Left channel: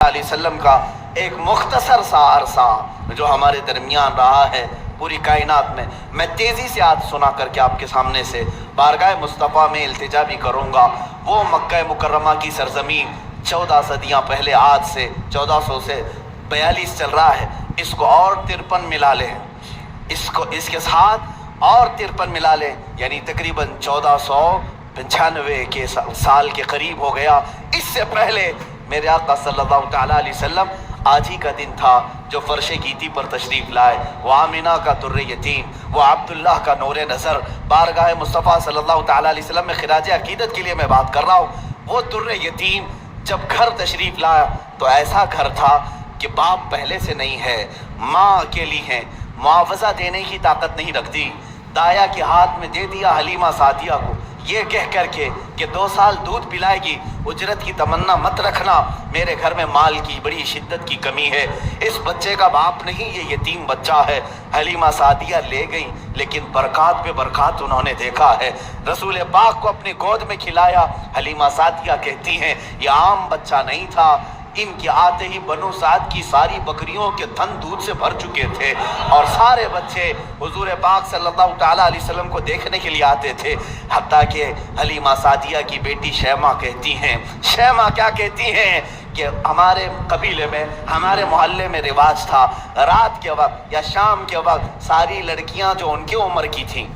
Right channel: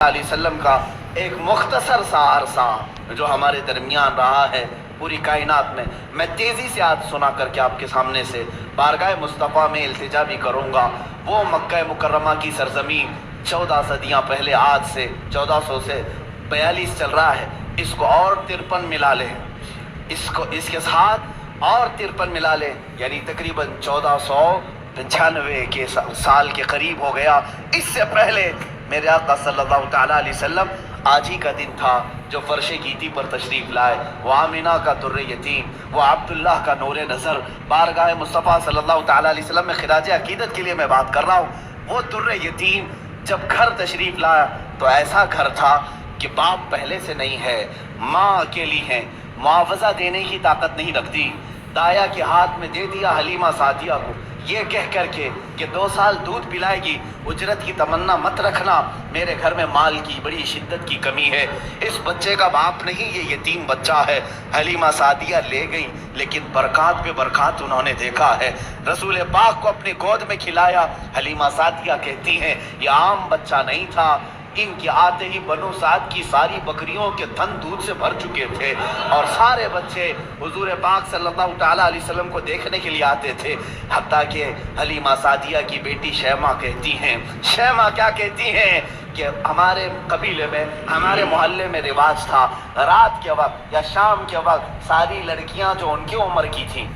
علیہ وسلم کا ایک مختصر سا عرصہ جو ہمارے درمیان رہا ہے پوری کائنات میں تیزی سے آج سنا کر کے آپ کے سامنے سے بارگاہ مصطفیٰ میں التجا بھی کروں گا۔ وہ مکہ مکرمہ کی سرزمین 14 صدیاں پہلے، آج سے 1400 سے 42 چل رہا ہے، اس کو اور 53 ملا لیں، اس کے ساتھ اور 53 ملا لیں، یعنی تقریباً 1495 کے سال کے قریب ہو گیا۔ اس سے پہلے میرے آقا صلی اللہ تعالیٰ علیہ وسلم آج ہی کا دن تھا جو فرش گیتی پر تشریف لائے۔ وہ آمینہ کا در یتیم، وہ عبداللہ کا نور نظر، بارگاہ مصطفیٰ صلی اللہ تعالیٰ علیہ وسلم میں خراج عقیدت کے لیے میں بات کر رہا ہوں۔ وہ در یتیم جب گھر تشریف لایا تو ایسا گھر تھا کہ باپ پہلے سے نہیں ہے، ماں اکیلی ہے، معاوضہ دینے کی طاقت نہیں رکھتی۔ دایا کے ہاتھ میں دے دیا حلیمہ سعدیہ کو، یہ کہہ کر کے کہ 2 سال دودھ پلائے گی، اجرت کی تمنا مت رکھنا، میرے گھر میں مال کی بڑی شدت کی کمی ہے، اس بچے کا باپ نہیں، یہ یتیم بچہ ہے۔ حلیمہ سعدیہ لے گئیں، لیکن برکات پہ برکات انہوں نے دیکھا ہے۔ رسول پاک کو اپنی گود میں کھلایا۔ حلیمہ سعدیہ کہتی ہیں یہ عام بچہ نہیں تھا، ان کے آتے ہی بنو سعد کی ساری بکریوں کے تھن دودھ سے بھر چکے تھے، اور سارے بچے حضور پاک صلی اللہ تعالیٰ علیہ وسلم کو دیکھنے کے لیے آتے تھے۔ حتیٰ کہ حلیمہ سعدیہ کی بیٹی شیمہ کہتی ہیں، شیمہ کیا کہتی ہیں کہ ہمارے قبیلے میں، ہمارے محلے میں رواج تھا، رات کے وقت یا شام کے وقت ساری لڑکیاں جو ان کی عمر کی تھیں،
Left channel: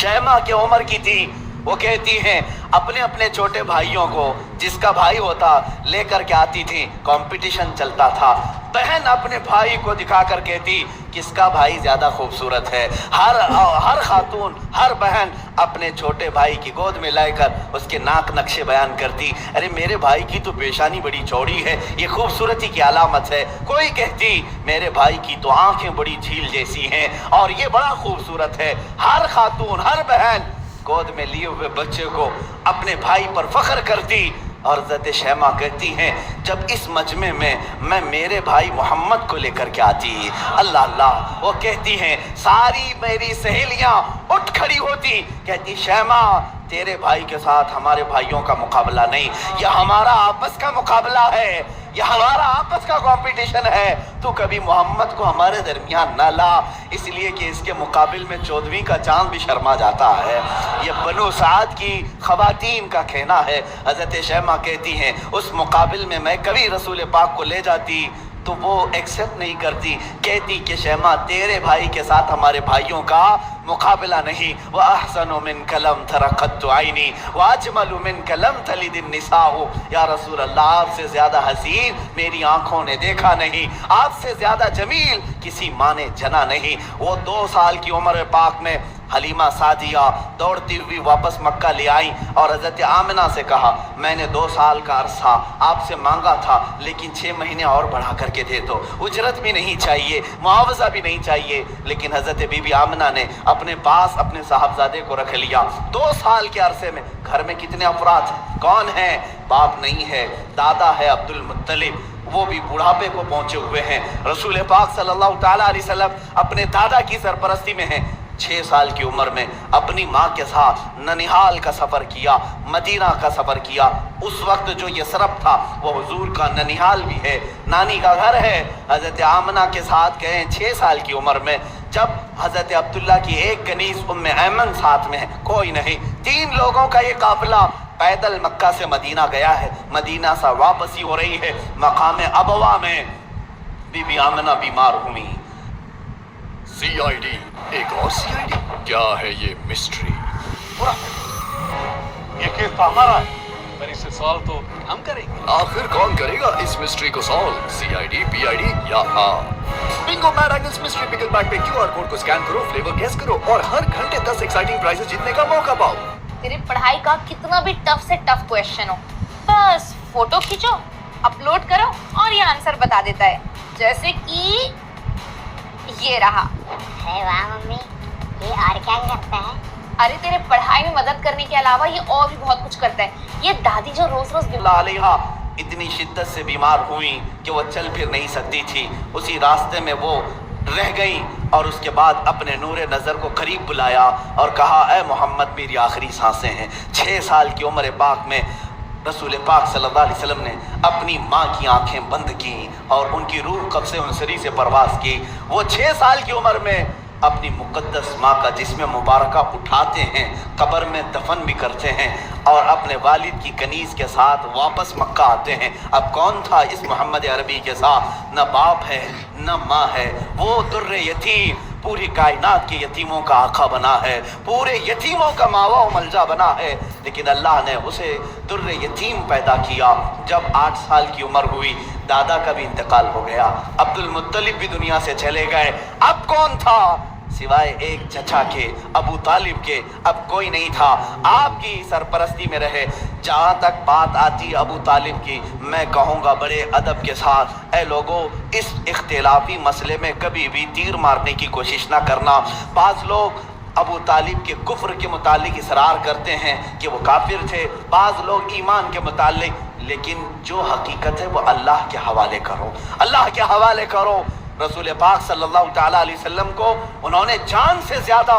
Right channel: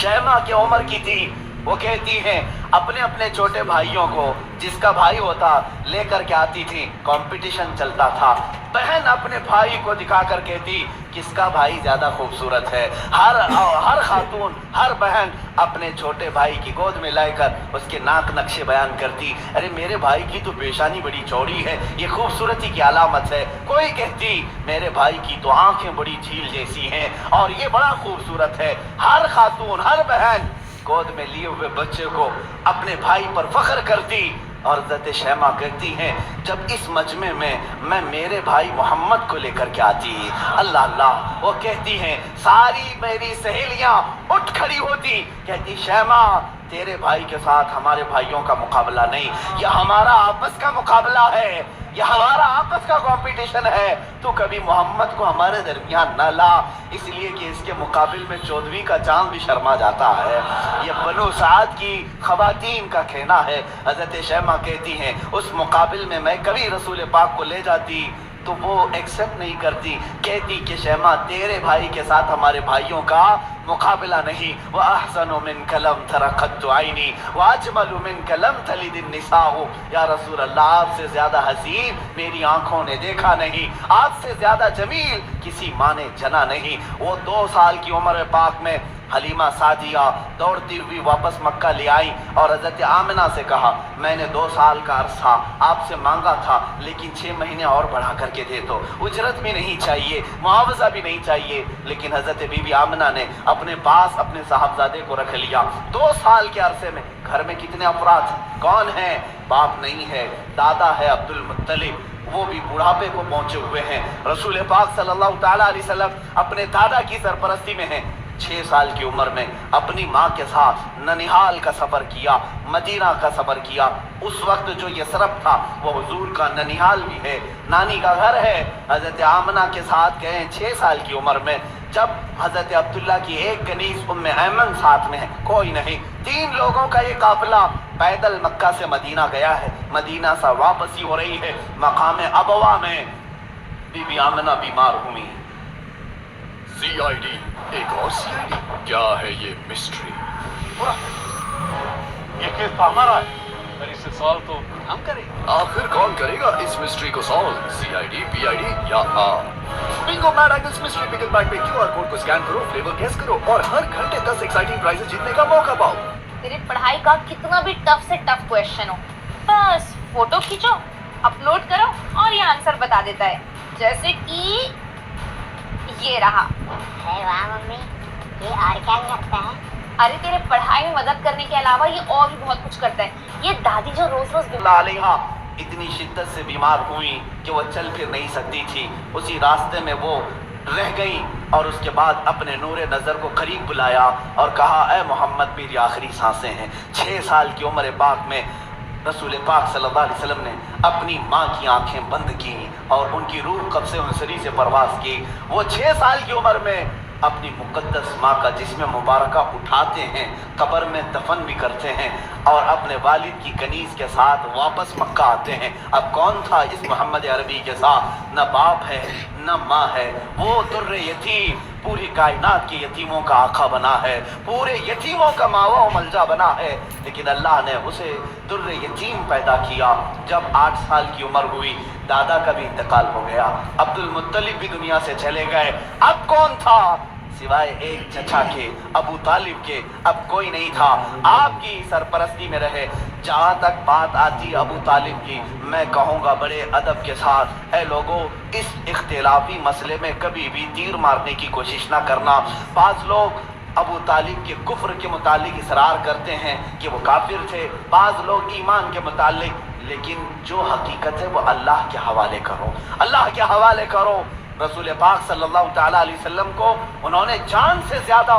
شیمہ کی عمر کی تھی، وہ کہتی ہیں اپنے اپنے چھوٹے بھائیوں کو، جس کا بھائی ہوتا لے کر کے آتی تھی، کمپٹیشن چلتا تھا۔ بہن اپنے بھائی کو دکھا کر کہتی کس کا بھائی زیادہ خوبصورت ہے۔ ہر خاتون، ہر بہن اپنے چھوٹے بھائی کی گود میں لے کر اس کے ناک نقشے بیان کرتی، ارے میرے بھائی کی تو پیشانی بڑی چوڑی ہے، یہ خوبصورتی کی علامت ہے۔ کوئی کہتی میرے بھائی کی تو آنکھیں بڑی جھیل جیسی ہیں اور یہ بڑا خوبصورت ہے۔ ہر خاتون، ہر بہن گود میں لیے ہوئے بچے کو اپنے بھائی پر فخر کرتی، اور حضرت شیمہ کہتی ہیں جب اس مجمع میں میں میرے بھائی محمد کو لے کر کے آتی، اللہ اللہ، وہ کہتی ہیں ساری میری سہیلیاں اٹھ کھڑی ہوتی، کہتی شیمہ تیرے بھائی کے ساتھ ہمارے بھائیوں کا مقابلہ نہیں، یہ ہمارا آپس کا مقابلہ ہے، یہ ہمارا آپس کا کمپٹیشن ہے، تو کبھی محمد کو ہمارے درمیان نہ لا، اس لیے کہ اس کے مقابل میں 14ویں کا چاند بھی شرما جاتا ہے۔ یہ بنو سعد کی خواتین کا کہنا ہے۔ حضرت شیمہ کہتی ہیں اس مقابل میں میں کبھی رسول پاک کو لے جاتی تو وہ ایکسپٹ نہیں کرتی، کہتی کہ شیمہ تیرے بھائی کے ساتھ ہمارے بھائیوں کا مقابلہ نہیں۔ وَأَحْسَنُ مِنْكَ لَمْ تَرَ قَطُّ عَيْنِي وَأَجْمَلُ مِنْكَ لَمْ تَلِدِ النِّسَاءُ، یا رسول اللہ آپ سے زیادہ حسین میری آنکھوں نے دیکھا نہیں، آپ سے زیادہ جمیل کسی ماں نے جنا نہیں۔ وہ 2 سال کی عمر پاک میں حلیمہ سعدیہ دوڑتی ہوئی واپس مکہ لے آئی اور حضرت آمنہ سے کہا میں نے 2 سال کا عرصہ آپ سے مانگا تھا، لیکن 6 مہینے اور بڑھا کر کے دے دو، اجرت بھی نہیں چاہیے، معاوضہ بھی نہیں چاہیے۔ لیکن حضرت بی بی آمنہ نے اپنے پاس اپنے صاحبزادے کو رکھ لیا۔ 2 سال کے عرصے میں گھر میں کتنے افراد ہیں؟ کون ہیں؟ باپ نہیں ہے، دادا ہے عبد المطلب، وہ بھی بڑھاپے کو پہنچے ہوئے ہیں۔ رسول پاک صلی اللہ تعالیٰ علیہ وسلم اپنے دادا کی سرپرستی میں ہیں۔ 6 سال کی عمر میں اپنی ماں کے ساتھ ننیحال کا سفر کیا، مدینہ کا سفر کیا۔ اس وقت جو یثرب تھا وہ حضور کا ننیحال بھی ہے، نانی کا گھر ہے۔ حضرت آمنہ کے ساتھ گئے 6 سال کی عمر میں، جب حضرت عبداللہ کی ایک کنیز ام ایمن ساتھ میں ہے، کوئی نہیں، 3 لوگوں کا یہ قافلہ پیدل مکہ سے مدینہ گیا ہے، مدینہ سے واپسی ہو رہی ہے۔ مقام ابوا میں بی بی آمنہ بیمار ہوئی۔ CID، ایک اور CID، کیا ہے یہ مسٹری؟ یہ کیس تو ہمارا ہے، پر اسے سالو تو ہم کریں گے۔ آخر کون کرے گا اس مسٹری کو سالو؟ CID، PID یا بنگو میڈ اینگلز مسٹری پکل بیگ پہ QR کوڈ کو سکین کرو، فلیور گیس کرو اور ہر گھنٹے 10 ایکسائٹنگ پرائزز جیتنے کا موقع پاؤ۔ تیرے پڑھائی کا کتنا بھی ٹف سے ٹف کویشچن ہو، بس فوٹو کھینچو، اپلوڈ کرو اور یہ آنسر بتا دیتا ہے، جیسے کہ یہ رہا۔ ہے واہ ممی، یہ اور کیا کرتا ہے؟ ارے تیرے پڑھائی میں مدد کرنے کے علاوہ یہ اور بھی بہت کچھ کرتا ہے۔ یہ دادی جو روز روز اللہ علیہ اتنی شدت سے بیمار ہوئی کہ وہ چل پھر نہیں سکتی تھی، اسی راستے میں وہ رہ گئی، اور اس کے بعد اپنے نور نظر کو قریب بلایا اور کہا اے محمد میری آخری سانسیں ہیں۔ 6 سال کی عمر پاک میں रसूल पाक सल्लल्लाहु अलैहि वसल्लम ने अपनी माँ की आंखें बंद की और उनकी रूह कब्ज़े उनसरी से परवास की। वो 6 साल की उम्र में अपनी मुक़द्दस माँ का जिस्म मुबारका उठाते हैं, कब्र में दफन भी करते हैं और अपने वालिद की कनीज़ के साथ वापस मक्का आते हैं। अब कौन था इस मोहम्मद अरबी के साथ? न बाप है न माँ है, वो दुर्र यतीम पूरी कायनात के यतीमों का आका बना है, पूरे यतीमों का मावा व मलजा बना है। लेकिन अल्लाह ने उसे दुर्र यतीम पैदा किया। जब 8 साल की उम्र हुई, दादा का भी इंतकाल हो गया, अब्दुल मुत्तलिब भी दुनिया से चले गए। अब कौन था सिवाय एक चचा के, अबू तालिब के? अब कोई नहीं था। आपकी सरपरस्ती में रहे। जहाँ तक बात आती अबू तालिब की, मैं कहूँगा बड़े अदब के साथ, ऐ लोगों, इस इख्तिलाफी मसले में कभी भी तीर मारने की कोशिश ना करना। बाज़ लोग अबू तालिब के कुफ्र के मुतालिक इसरार करते हैं कि वो काफिर थे, बाज़ लोग ईमान के मुतालिक, लेकिन जो हकीकत है वो अल्लाह के हवाले करो, अल्लाह के हवाले करो। रसूल पाक सल्लल्लाहु तआला अलैहि वसल्लम को उन्होंने जान से ज़्यादा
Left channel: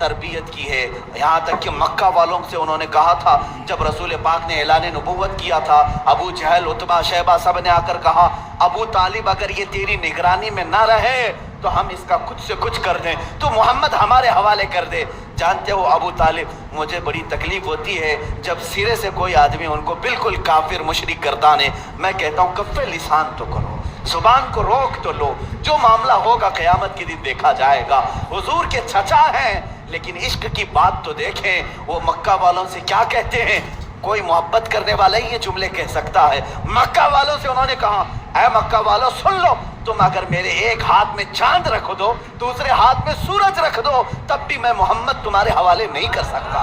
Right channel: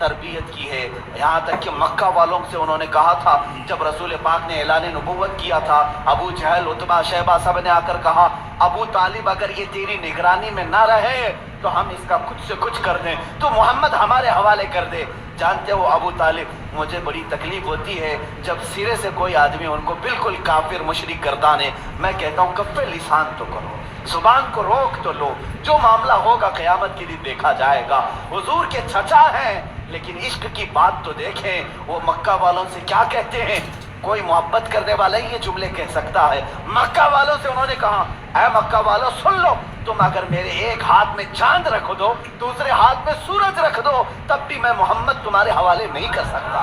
तरबियत की है। यहाँ तक कि मक्का वालों से उन्होंने कहा था, जब रसूल पाक ने ऐलान नबुव्वत किया था, अबू जहल, उतबा, शैबा सब ने आकर कहा, अबू तालिब अगर ये तेरी निगरानी में ना रहे तो हम इसका कुछ से कुछ कर दें, तो मोहम्मद हमारे हवाले कर दे। जानते हो अबू तालिब, मुझे बड़ी तकलीफ होती है जब सिरे से कोई आदमी उनको बिल्कुल काफिर मुशरिक गर्दाने। मैं कहता हूँ कफ़े लिसान तो करो, जुबान को रोक तो लो, जो मामला होगा क़यामत के दिन देखा जाएगा। हुजूर के चचा हैं, लेकिन इश्क की बात तो देखें, वो मक्का वालों से क्या कहते हैं? कोई मोहब्बत करने वाला ही ये जुमले कह सकता है। मक्का वालों से उन्होंने कहा, ऐ मक्का वालों सुन लो, तुम अगर मेरे एक हाथ में चांद रख दो, दूसरे हाथ में सूरज रख दो, तब भी मैं मोहम्मद तुम्हारे हवाले नहीं कर सकता।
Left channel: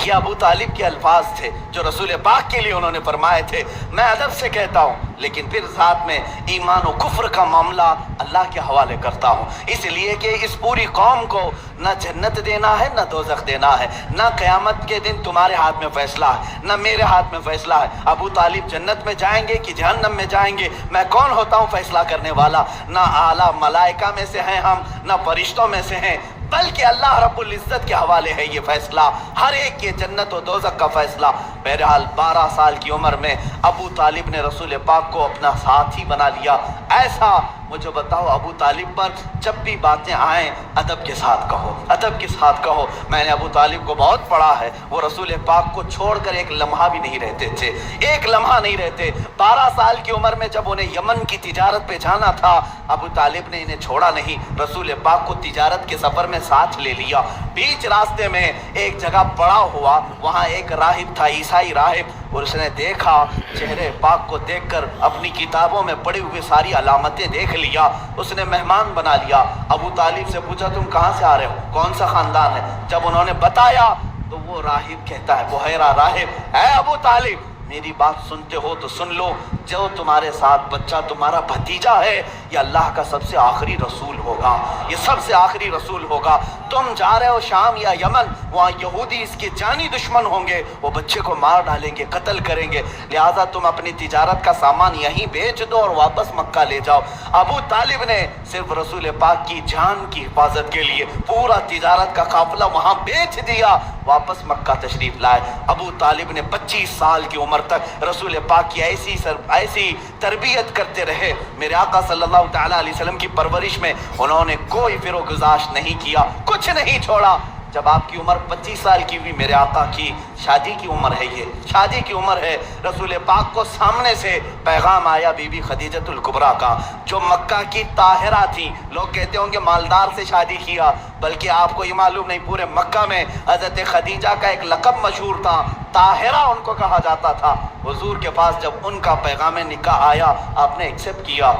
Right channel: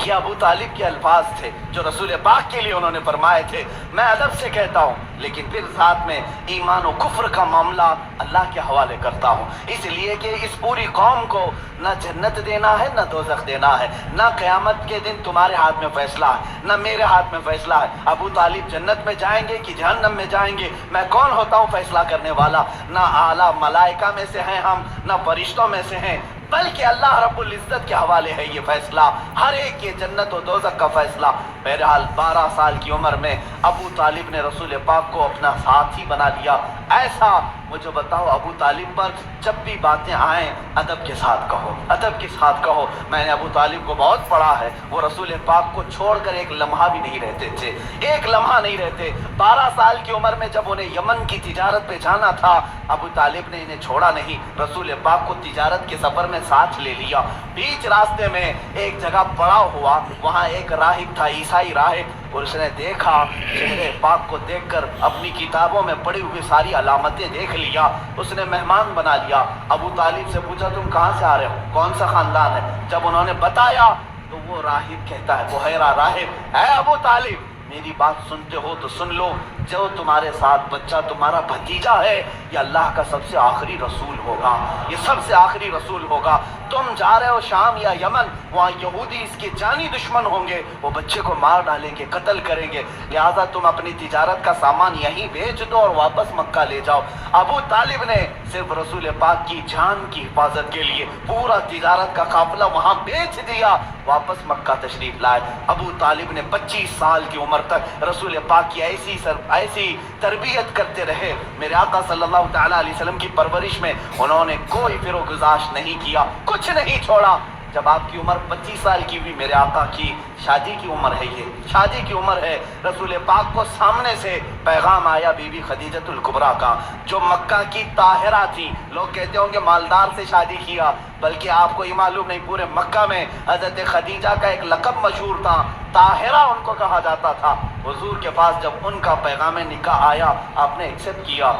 ये अबू तालिब के अल्फाज थे जो रसूल पाक के लिए उन्होंने फरमाए थे। मैं अदब से कहता हूँ, लेकिन फिर साथ में ईमान और कुफ्र का मामला अल्लाह के हवाले करता हूँ, इसलिए कि इस पूरी कौम को न जन्नत देना है न दोज़ख देना है, न क़यामत के दिन तुम्हारे हाथ में फैसला है न मेरे हाथ में फैसला है। अबू तालिब जन्नत में जाएंगे कि जहन्नम में जाएंगे, मैं कौन होता हूँ फैसला करने वाला? न आला मलाइका में से हैं हम, न फरिश्तों में से हैं, बल्कि अल्लाह रब्बुल इज़्ज़त के हवाले है ये फैसला, हर एक के जन्नत और दोज़ख का फैसला। बहरहाल 12 साल की उम्र में अबू तालिब ने रसूल पाक को अपना साथी बना लिया। ऐसा मुझे बताओ, अबू तालिब पर जब भी बातें आएँ अदब के साथ कहो, अदब के साथ कहो। मैंने अबू तालिब को बहुत पढ़ा है, वो रसूल पाक को छोड़कर एक लम्हा भी नहीं रहते थे, एक लम्हा नहीं रहते। 12 साल की उम्र में जब उन्हें यमन की तिजारत पे जाना था, अबू तालिब ने इन्हें छोड़ा नहीं, रसूल पाक को तिजारत के सफ़र में साथ ले लिया। बीच रास्ते में एक जगह पड़ाव हुआ, वहाँ एक राहिब था, ईसाई राहिब, और उसने देखा, चेहरे पाक को देखकर अपनी किताबों में पड़ी हुई सारी अलामतें देख लिया, उसने मेहमान बना लिया। अबू तालिब से पूछा, तुम कहाँ से आ रहे हो, कौन सा ख़ानदान है? जब उन्होंने बताया तो वो राहिब कहता है, बुहैरा राहिब, है अबू तालिब, मेरी बात सुनते हो तो सुन लो, जो तुम्हारे साथ बच्चा तुम्हारा भतीजा है, ये अल्लाह का सबसे आखिरी रसूल होगा, ये सबसे आखिरी रसूल होगा। तुम जा रहे हो शाम या यमन, वहाँ यहूदी इसके जानी दुश्मन होंगे, वो बच्चे को मार डालेंगे, कत्ल करेंगे, लिहाजा तुम अपनी तिजारत का सामान यहीं बेच दो और वापस मक्का ले जाओ। अबू तालिब ने सिर्फ रसूल पाक की जान की हिफाजत के लिए पूरा तिजारत का काफिला वहाँ बेच दिया, वापस मक्का तशरीफ लाए। अबू तालिब ने 25 साल की उम्र तक रसूल पाक की ऐसी तरबियत करते रहे। मेरे आका सल्लल्लाहु तआला अलैहि वसल्लम की परवरिश में उन्होंने कोई फिरोगुजाश नहीं किया, कुछ नहीं छोड़ा। जब आपकी उम्र 25 साल की हुई, मेरे आका की शादी की उम्र है, ये शादी की उम्र है, रसूल पाक को सामने से पैगाम आया बीबी खदीजतुल कुबरा का, जो मक्का की ताहिरा थी। लोग कहते होंगे मालदार से शादी किया, बल्कि आपको ये मालूम नहीं, पूरे मक्का में हज़रत खदीजा का एक लक़ब मशहूर था, ताहिरा उनको कहा जाता था। हुजूर के पास जब उनका पैगाम निकाह आया, आपने एक्सेप्ट किया।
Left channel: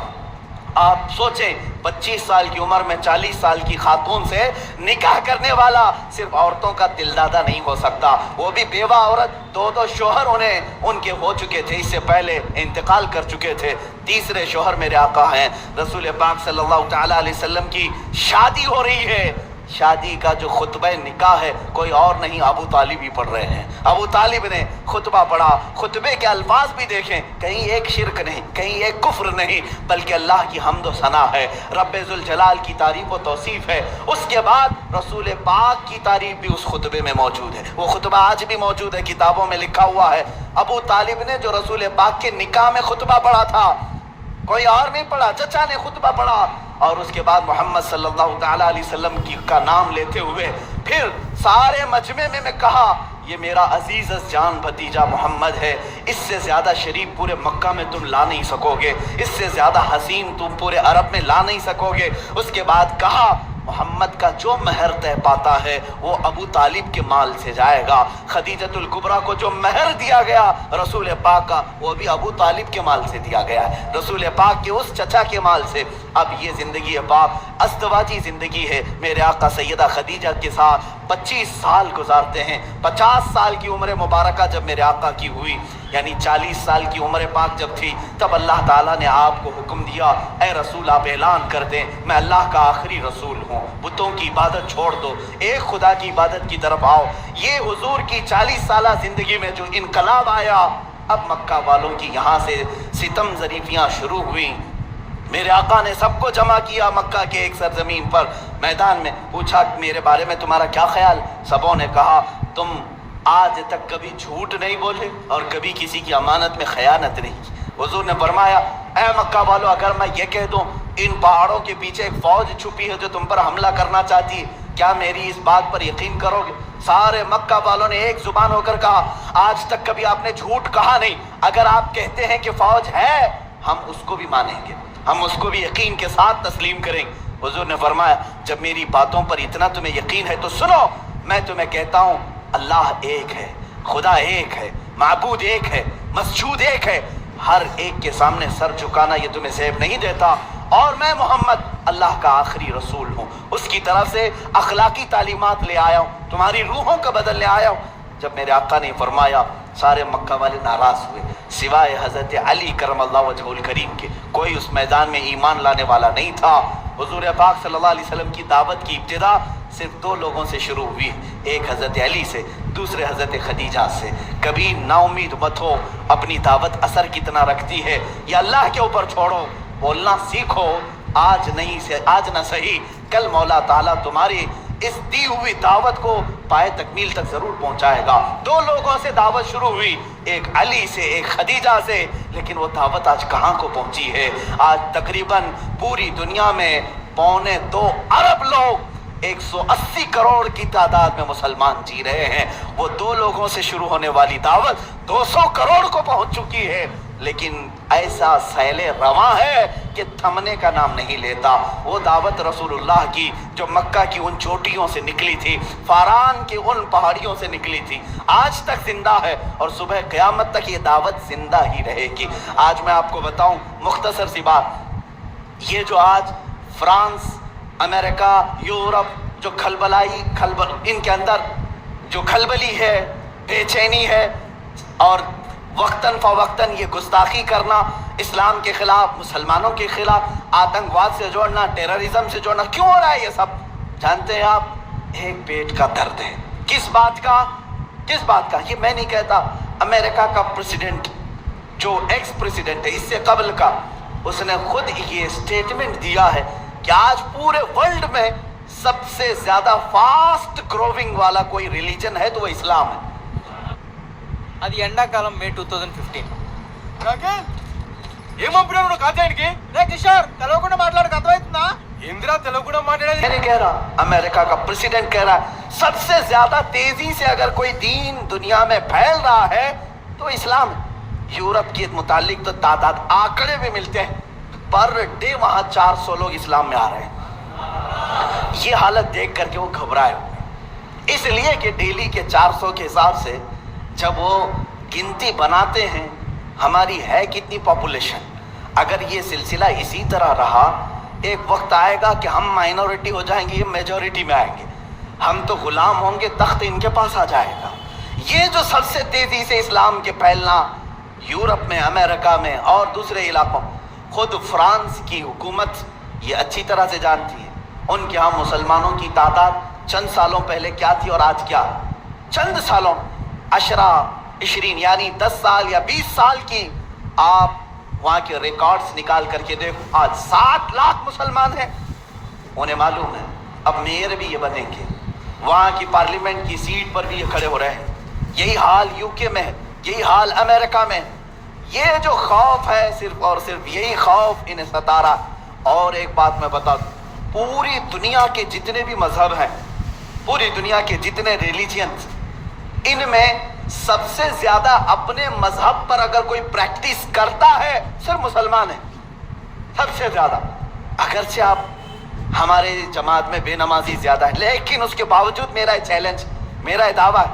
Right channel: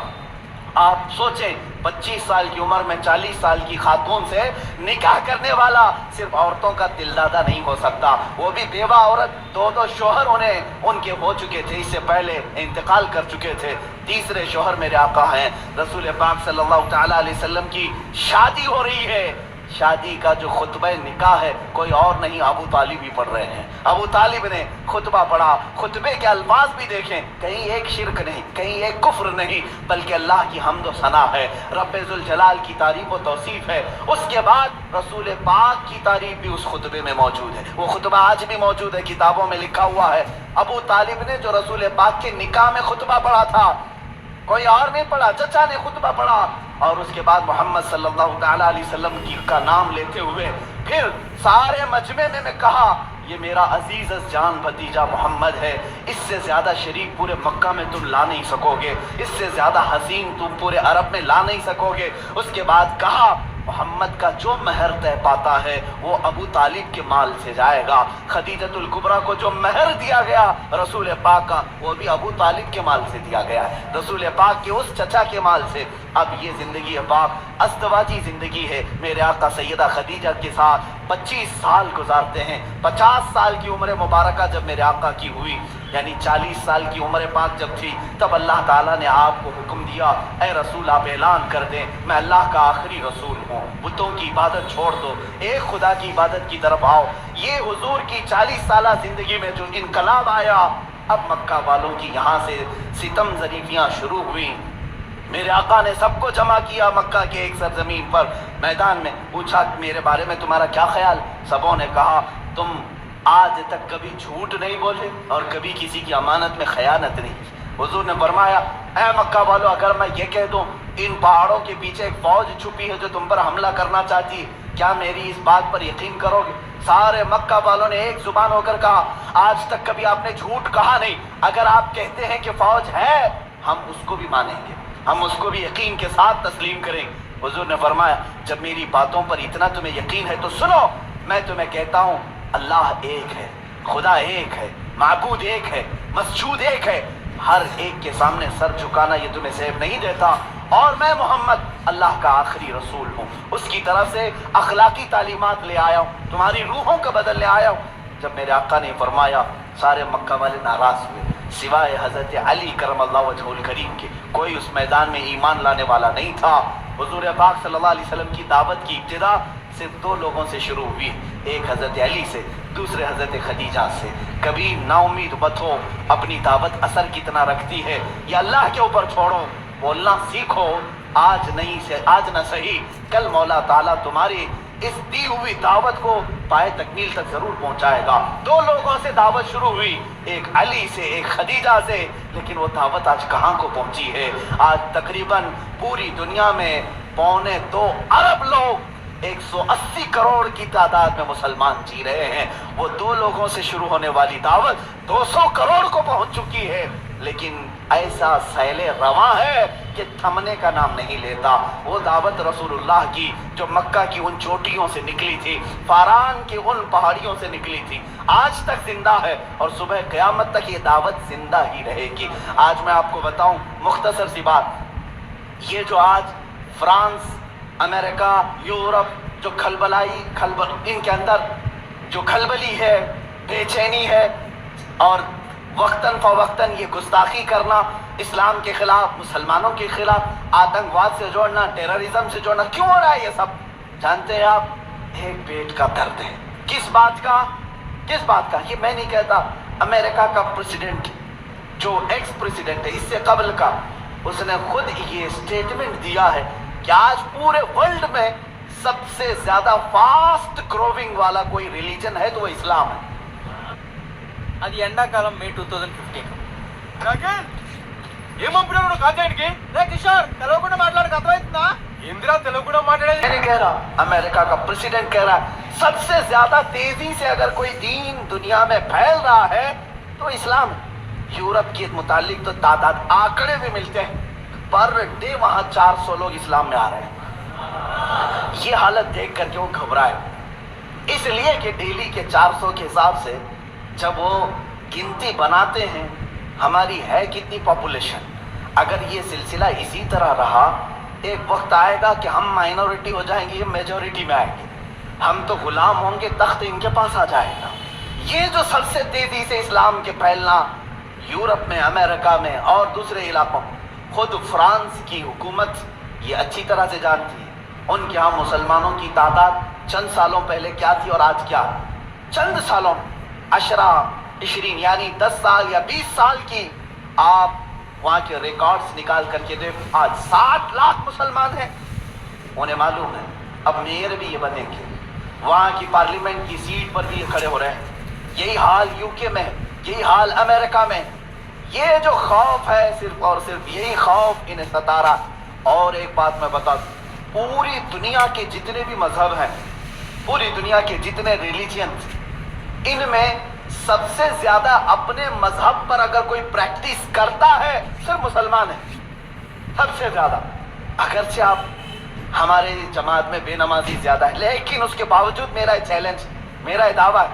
आप सोचें, 25 साल की उम्र में 40 साल की खातून से निकाह करने वाला सिर्फ औरतों का दिलदादा नहीं हो सकता, वो भी बेवा औरत, 2 शोहर उनके हो चुके थे, इससे पहले इंतकाल कर चुके थे। तीसरे शोहर मेरे आका हैं, रसूल पाक सल्लल्लाहु तआला अलैहि वसल्लम की शादी हो रही है, शादी का जो खुतबा निकाह है कोई और नहीं अबू तालिब ही पढ़ रहे हैं। अबू तालिब ने खुतबा पढ़ा, खुतबे के अल्फाज भी देखें, कहीं एक शिरक नहीं, कहीं एक कुफ्र नहीं, बल्कि अल्लाह की हम्द व सना है, रब्बे जुल जलाल की तारीफ व तौसीफ है। उसके बाद रसूल पाक की तारीफ भी उस खुतबे में मौजूद है। वो खुतबा आज भी मौजूद है, किताबों में लिखा हुआ है। अबू तालिब ने जो रसूल पाक के निकाह में खुतबा पढ़ा था, कोई और नहीं पढ़ा, चचा ने खुतबा पढ़ा। और उसके बाद मोहम्मद सल्लल्लाहु तआला अलैहि वसल्लम की का नाम लेते हुए फिर सारे मजमे में कहा, ये मेरा अजीज जान भतीजा मोहम्मद है, इससे ज़्यादा शरीक पूरे मक्का में तुम ला नहीं सकोगे, इससे ज़्यादा हसीन तुम पूरे अरब में ला नहीं सकोगे। उसके बाद कहा, मोहम्मद का जो महर तय पाता है वो अबू तालिब के माल से जाएगा। खदीजतुल कुबरा को जो महर दिया गया रसूल पाक का, वो भी अबू तालिब के माल से दिया गया है, रसूल पाक के उस चचा के माल से। अब ये ज़िंदगी पाक अस्तवाजी ज़िंदगी है। मेरे आका सैयदा खदीजा के साथ 25 साल गुजारते हैं। 50 साल की उम्र मुबारका जब मेरे आका की हुई, यानी 40 साल की उम्र पाक जब थी, तब अल्लाह ताला ने आपको हुक्म दिया, ए रसूल आप ऐलान कर दें, मैं अल्लाह का आखिरी रसूल हूँ, बुतों की इबादत छोड़ दो, एक खुदा की इबादत की तरफ आओ। ये हुजूर की 40 साल ज़िंदगी में जो इनकलाब आया, अब मक्का वालों की यहाँ से सितम ज़रीफियाँ शुरू हुई। मेरे आका ने सबको जमा किया मक्का के एक सरजमीन पर, मैदान में, पूछा मेरे बारे में तुम्हारा क्या ख्याल। सबों ने कहा, तुम आज तक कभी झूठ नहीं बोले और कभी किसी की अमानत में खयानत नहीं की। हुजूर ने फरमाया, ऐ मक्का वालों, अगर मैं ये कह दूं इन पहाड़ों के पीछे एक फौज छुपी है जो तुम पर हमला करना चाहती है, क्या मेरी इस बात पर यकीन करोगे? सारे मक्का वालों ने एक जुबान होकर कहा, आज तक कभी आपने झूठ कहा नहीं, अगर आप कहते हैं कि फौज है, हम उसको भी मानेंगे, हम उसको भी यकीन के साथ तस्लीम करेंगे। हुजूर ने फरमाया, जब मेरी बातों पर इतना तुम्हें यकीन है तो सुनो, मैं तुम्हें कहता हूँ, अल्लाह एक है, खुदा एक है, माबूद एक है, मसजूद एक है, हर एक के सामने सर झुकाना ये तुम्हें सेब नहीं देता, और मैं मोहम्मद अल्लाह का आखिरी रसूल हूँ, उसकी तरफ से अखलाकी तालीमात ले आया हूँ, तुम्हारी रूहों का बदलने आया हूँ। जब मेरे आका ने फरमाया, सारे मक्का वाले नाराज़ हुए, सिवाय हज़रत अली करमल्लाहु वजहुल करीम के कोई उस मैदान में ईमान लाने वाला नहीं था। हुजूर पाक सल्लल्लाहु अलैहि वसल्लम की दावत की इब्तिदा सिर्फ 2 लोगों से शुरू हुई, एक हज़रत अली से, दूसरे हज़रत खदीजा से। कभी नाउमीद मत हो, अपनी दावत असर कितना रखती है ये अल्लाह के ऊपर छोड़ो, बोलना सीखो, आज नहीं से आज ना सही, कल मौला ताला तुम्हारी इस दी हुई दावत को पाए तकमील तक जरूर पहुंचाएगा। 2 लोगों से दावत शुरू हुई, एक अली से, एक खदीजा से, लेकिन वो दावत आज कहाँ को पहुंची है? आज तकरीबन पूरी दुनिया में 2.25 अरब लोग, 180 करोड़ की तादाद में मुसलमान जी रहे हैं। वो 2 लोगों से शुरू होने वाली दावत 200 करोड़ को पहुंच चुकी है, लेकिन ऐसा सैले रवा है कि थमने का नाम नहीं लेता। वो दावत रसूलुल्लाह की जो मक्का की उन चोटियों से निकली थी, फारान की उन पहाड़ियों से निकली थी, आज तक जिंदा है और सुबह क़यामत तक ये दावत जिंदा ही रहेगी। आज मैं आपको बताऊं मुख्तसर सी बात, ये जो आज फ्रांस, अमेरिका, यूरोप जो इनके अंदर जो खलबली है, बेचैनी है और वक्तन फ़वक्तन ये गुस्ताखी करना, इस्लाम के ख़िलाफ़, मुसलमानों के ख़िलाफ़, आतंकवाद से जोड़ना, टेररिज्म से जोड़ना, क्यों हो रहा है ये सब? जानते हैं आप, एक पेट का दर्द है। किस बात का? ये मैं नहीं कहता, अमेरिका का प्रेसिडेंट जो एक्स प्रेसिडेंट है इससे कबल का, उसने खुद ये स्टेटमेंट दिया है कि आज पूरे वर्ल्ड में सबसे ज़्यादा फास्ट ग्रोविंग वाला कोई रिलीजन है तो वो इस्लाम है। అది ఎండాకాలం మే 2015. ఏమంటున్నావు కాజానికి? రే కిషోర్, తెలవకుండా మాట్లాడక అర్థమవుతుందా? ఏంద్రా తెలుగులో మాట్లాడేది? मैं नहीं कह रहा, अमेरिका का प्रेसिडेंट कह रहा है सबसे ज्यादा तेजी से अगर कोई दीन दुनिया में फैल रहा है तो इस्लाम है। यूरोप के मुतालिक तो तादाद आंकड़े भी मिलते हैं, पर डे वहाँ 400 लोग इस्लाम में आ रहे हैं। ये हालत देख करके वो घबराए, इसलिए कि डेली के 400 के हिसाब से जब वो गिनती बनाते हैं हमारी है कितनी पॉपुलेशन, अगर ये सिलसिला इसी तरह रहा, एक वक्त आएगा कि हम माइनॉरिटी हो जाएंगे, ये मेजॉरिटी में आएंगे, हम तो गुलाम होंगे, तख्त इनके पास आ जाएगा। ये जो सबसे तेज़ी से इस्लाम के फैलना यूरोप में, अमेरिका में और दूसरे इलाकों, खुद फ्रांस की हुकूमत ये अच्छी तरह से जानती है। ان کے यहाँ मुसलमानों की तादाद चंद सालों पहले क्या थी और आज क्या? चंद सालों 18-20 यानी 10 साल या 20 साल की आप वहाँ के रिकॉर्ड्स निकाल करके देखो, आज 7 लाख मुसलमान हैं। उन्हें मालूम है अब मेयर भी ये बनेंगे, वहाँ की पार्लियामेंट की सीट पर भी ये खड़े हो रहे हैं। यही हाल यूके में है, यही हाल अमेरिका में। ये जो खौफ है सिर्फ और सिर्फ यही खौफ इन्हें सता रहा। और एक बात मैं बता दूं, पूरी दुनिया के जितने भी मजहब हैं, पूरी दुनिया के जितने रिलीजियंस, इनमें सबसे ज्यादा अपने मजहब पर अगर कोई प्रैक्टिस करता है सिर्फ मुसलमान है, सबसे ज्यादा। अगरचे आप हमारे जमात में बेनमाजी ज्यादा है, लेकिन उसके बावजूद मेरा चैलेंज, मेरा दावा,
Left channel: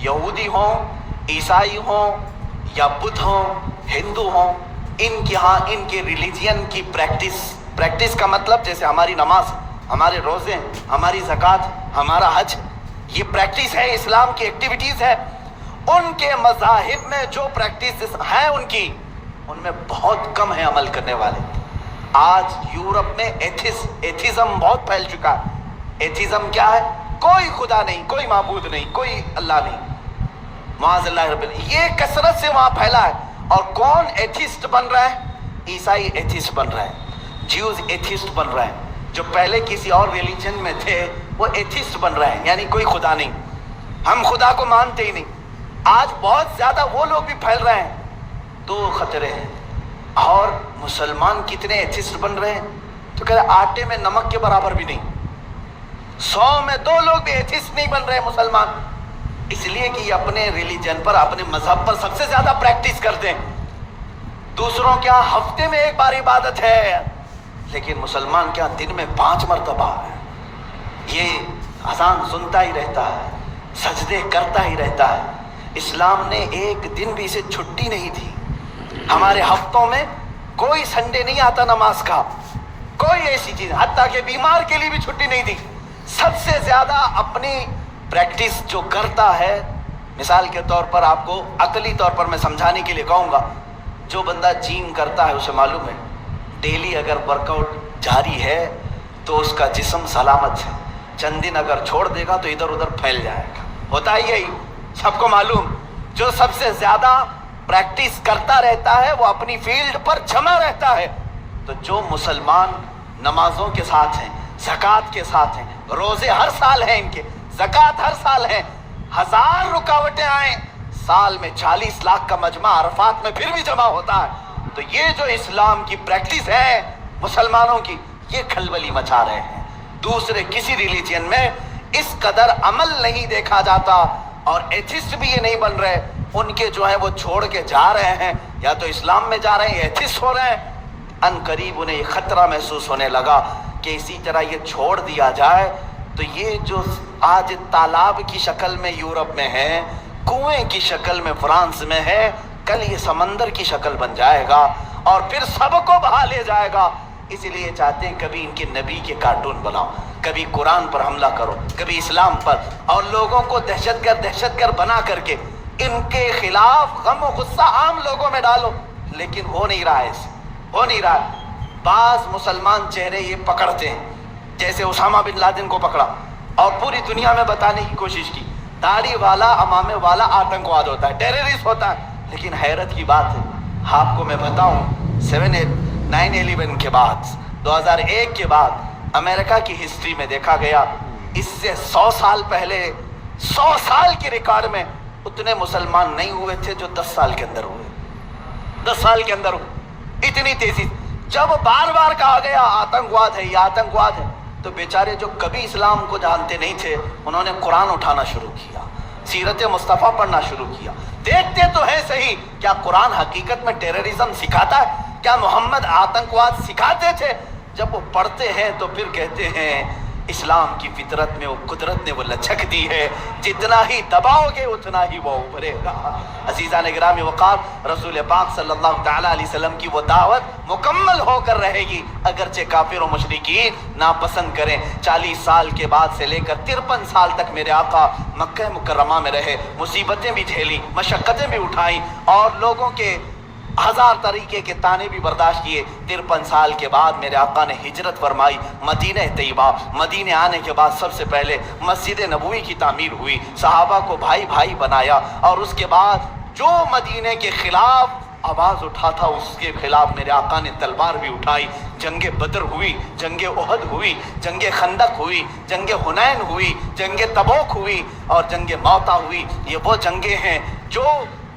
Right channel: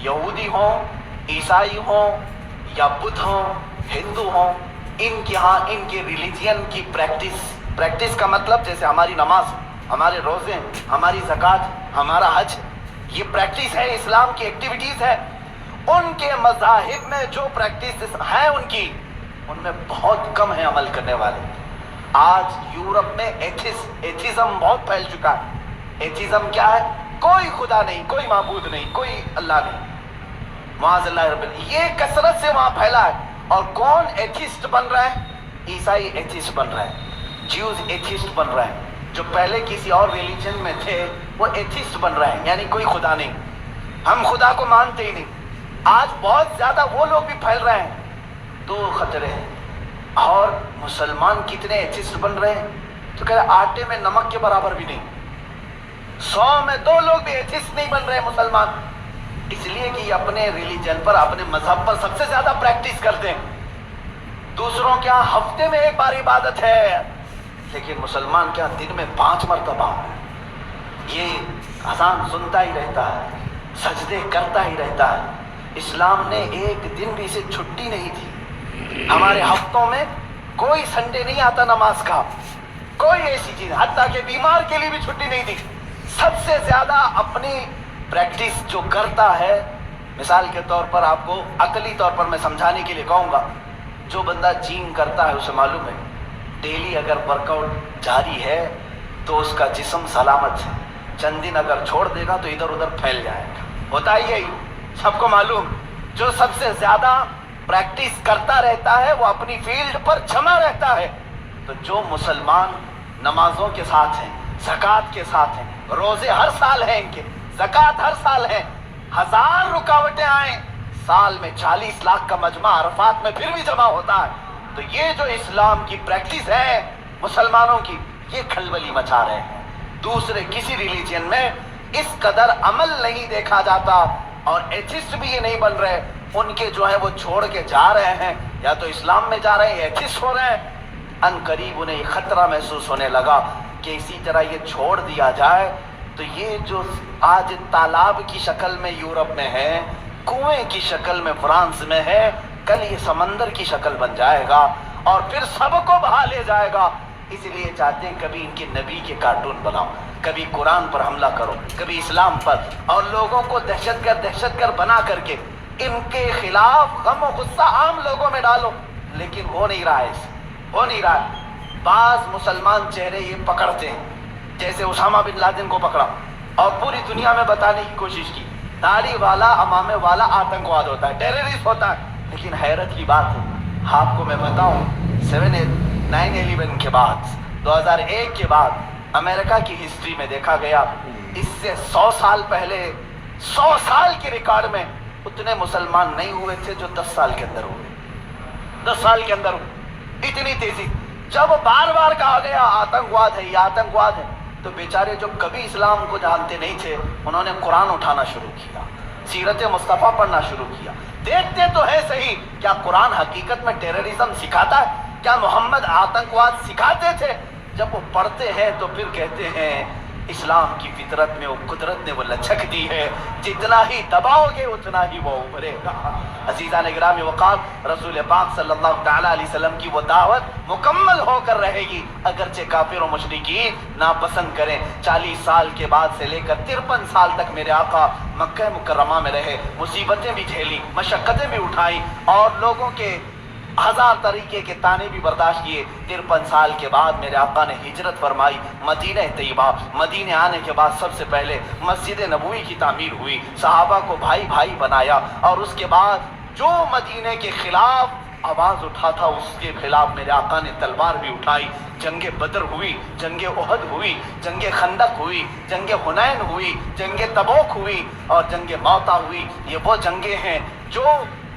यहूदी हो, ईसाई हो या बुद्ध हो, हिंदू हो, इनके यहाँ इनके रिलीजियन की प्रैक्टिस का मतलब जैसे हमारी नमाज, हमारे रोजे, हमारी ज़कात, हमारा हज, ये प्रैक्टिस है, इस्लाम की एक्टिविटीज़ है। उनके मज़ाहिब में जो प्रैक्टिस है उनकी, उनमें बहुत कम है अमल करने वाले। आज यूरोप में एथिज्म बहुत फैल चुका है। एथिज्म क्या है? कोई खुदा नहीं, कोई माबूद नहीं, कोई अल्लाह नहीं, माज़अल्लाह रब्बिल। ये कसरत से वहाँ फैला है। और कौन एथिस्ट बन रहा है? ईसाई एथिस्ट बन रहा है, ज्यूज एथिस्ट बन रहा है। जो पहले किसी और रिलीजन में थे वो एथिस्ट बन रहे हैं, यानी कोई खुदा नहीं, हम खुदा को मानते ही नहीं। आज बहुत ज़्यादा वो लोग भी फैल रहे हैं। दो खतरे हैं। और मुसलमान कितने एथिस्ट बन रहे हैं? तो कह रहे आटे में नमक के बराबर भी नहीं। 100 में 2 लोग भी एथिस्ट नहीं बन रहे हैं मुसलमान, इसलिए कि अपने रिलीजन पर, अपने मजहब पर सबसे ज्यादा प्रैक्टिस करते हैं। दूसरों क्या हफ्ते में 1 बार इबादत है, लेकिन मुसलमान क्या दिन में 5 मरतबा। ये अजान सुनता ही रहता है, सजदे करता ही रहता है। इस्लाम ने एक दिन भी इसे छुट्टी नहीं दी। हमारे हफ्तों में कोई संडे नहीं आता नमाज का, कोई ऐसी चीज, हत्ता के बीमार के लिए भी छुट्टी नहीं दी। सबसे ज्यादा अपनी प्रैक्टिस जो करता है, मिसाल के तौर पर आपको अकली तौर पर मैं समझाने के लिए कहूँगा, जो बंदा जिम करता है उसे मालूम है डेली अगर वर्कआउट जारी है तो उसका जिस्म सलामत है। चंद दिन अगर छोड़ देगा तो इधर उधर फैल जाएगा। होता ही यही, सबको मालूम। जो सबसे ज़्यादा प्रैक्टिस करता रहता है वो अपनी फील्ड पर जमा रहता है। तो जो मुसलमान नमाजों के साथ हैं, ज़कात के साथ हैं, रोज़े हर साल हैं इनके, ज़कात हर साल है, 1000 रुकावटें आए, साल में 40 लाख का मजमा अरफात में फिर भी जमा होता है। तो ये जो इस्लाम की प्रैक्टिस है मुसलमानों की, ये खलबली मचा रहे हैं। दूसरे किसी रिलीजन में इस कदर अमल नहीं देखा जाता, और एथिस्ट भी ये नहीं बन रहे। उनके जो है वो छोड़ के जा रहे हैं, या तो इस्लाम में जा रहे हैं, एथिस्ट हो रहे हैं। अनकरीब उन्हें ये खतरा महसूस होने लगा कि इसी तरह ये छोड़ दिया जाए तो ये जो आज तालाब की शक्ल में यूरोप में है, कुएं की शक्ल में फ्रांस में है, कल ये समंदर की शक्ल बन जाएगा और फिर सबको बहा ले जाएगा। इसलिए चाहते हैं कभी इनके नबी के कार्टून बनाओ, कभी कुरान पर हमला करो, कभी इस्लाम पर, और लोगों को दहशतगर्द बना करके इनके खिलाफ गम और गुस्सा आम लोगों में डालो। लेकिन हो नहीं रहा है, हो नहीं रहा है। बाज मुसलमान चेहरे ये पकड़ते हैं, जैसे उसामा बिन लादेन को पकड़ा और पूरी दुनिया में बताने की कोशिश की दाढ़ी वाला, अमामे वाला आतंकवाद होता है, टेररिस्ट होता है। लेकिन हैरत की बात है, आपको मैं बताऊं, 9/11 के बाद, 2001 के बाद अमेरिका की हिस्ट्री में देखा गया, इससे 100 साल पहले, 100 साल के रिकॉर्ड में उतने मुसलमान नहीं हुए थे जो 10 साल के अंदर हुए। 10 साल के अंदर हुए इतनी तेजी। जब बार बार कहा गया आतंकवाद है, ये आतंकवाद है, तो बेचारे जो कभी इस्लाम को जानते नहीं थे, उन्होंने कुरान उठाना शुरू किया, सीरत मुस्तफ़ा पढ़ना शुरू किया। देखते तो है सही, क्या कुरान हकीकत में टेररिज्म सिखाता है? क्या मोहम्मद आतंकवाद सिखाते थे? जब वो पढ़ते हैं तो फिर कहते हैं इस्लाम की फितरत में वो कुदरत ने वो लचक दी है, जितना ही दबाओगे उतना ही वो उभरेगा। अज़ीज़ान गिरामी वक़ार, रसूल पाक सल्लल्लाहु तआला अलैहि वसल्लम की वो दावत मुकम्मल होकर रहेगी, अगरचे काफिर और मुशरिकीन नापसंद करें। 40 साल के बाद से लेकर 53 साल तक मेरे आका मक्का मुकर्रमा में रहे, मुसीबतें भी झेली, मशक्क़तें भी उठाई, और लोगों के 1000 तरीके के ताने भी बर्दाश्त किए। 53 साल के बाद मेरे आका ने हिजरत फरमाई मदीना तैयबा। मदीने आने के बाद सबसे पहले मस्जिद नबवी की तामीर हुई, सहाबा को भाई भाई बनाया, और उसके बाद जो मदीने के खिलाफ आवाज़ उठा था उसके खिलाफ मेरे आका ने तलवार भी उठाई। जंगे बदर हुई, जंगे उहद हुई, जंगे खंदक हुई, जंगे हुनैन हुई, जंगे तबूक हुई और जंगे मौता हुई। ये वो जंगे हैं जो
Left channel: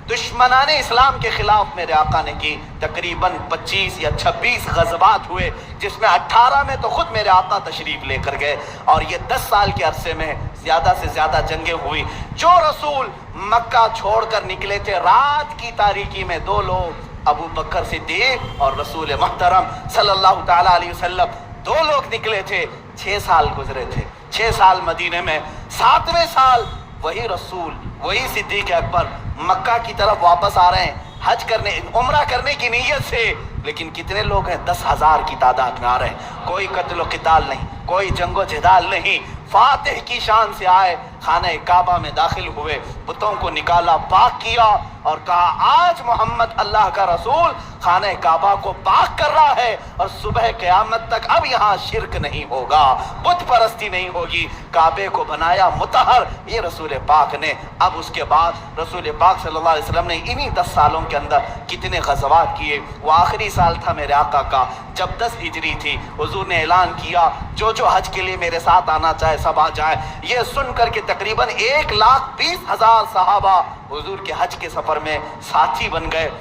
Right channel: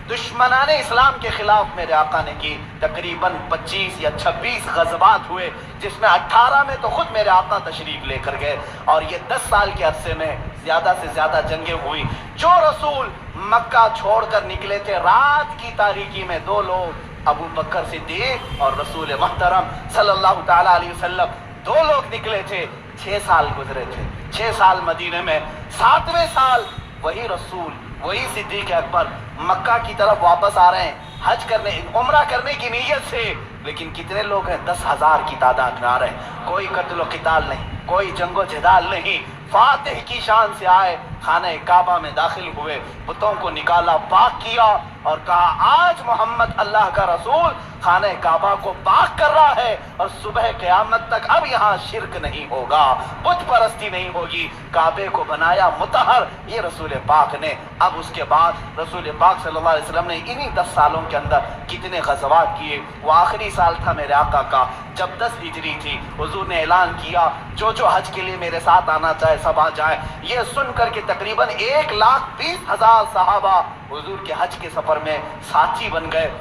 दुश्मनाने इस्लाम के खिलाफ मेरे आका ने की। तकरीबन 25 या 26 गज़वात हुए, जिसमें 18 में तो खुद मेरे आका तशरीफ लेकर गए, और ये 10 साल के अरसे में ज़्यादा से ज़्यादा जंगें हुई। जो रसूल मक्का छोड़कर निकले थे रात की तारीकी में, 2 लोग, अबू बकर सिद्दीक और रसूल महतरम सल्लल्लाहु ताला अलैहि वसल्लम, 2 लोग निकले थे। 6 साल गुजरे थे, 6 साल मदीने में। 7वें साल वही रसूल, वही सिद्दीक अकबर मक्का की तरफ वापस आ रहे हैं हज करने, उम्रा करने की नीयत से। लेकिन कितने लोग हैं? 10,000 की तादाद में आ रहे हैं। कोई कत्ल क़िताल नहीं, कोई जंगो जदाल नहीं। फातिह की शान से आए, खाना काबा में दाखिल हुए, बुतों को निकाला, पाक किया और कहा आज मोहम्मद अल्लाह का रसूल खाना काबा को पाक कर रहा है और सुबह क़यामत तक अब यहाँ शिरक नहीं होगा, बुत परस्ती नहीं होगी। काबे को बनाया मुतहर ये रसूल पाक ने। अब उसके बाद रसूल पाक सल्लल्लाहु अलैहि वसल्लम ने इन्हीं 10 सालों के अंदर कितने ग़ज़वात किए। वो आखिरी साल था मेरे आका का जब 10 हिजरी थी। हुजूर ने ऐलान किया जो जो हज के लिए मेरे साथ आना चाहे सब आ जाए। ये सुन करके तकरीबन 1,20,000 सहाबा हुजूर के हज के सफ़र में साथी बन गए।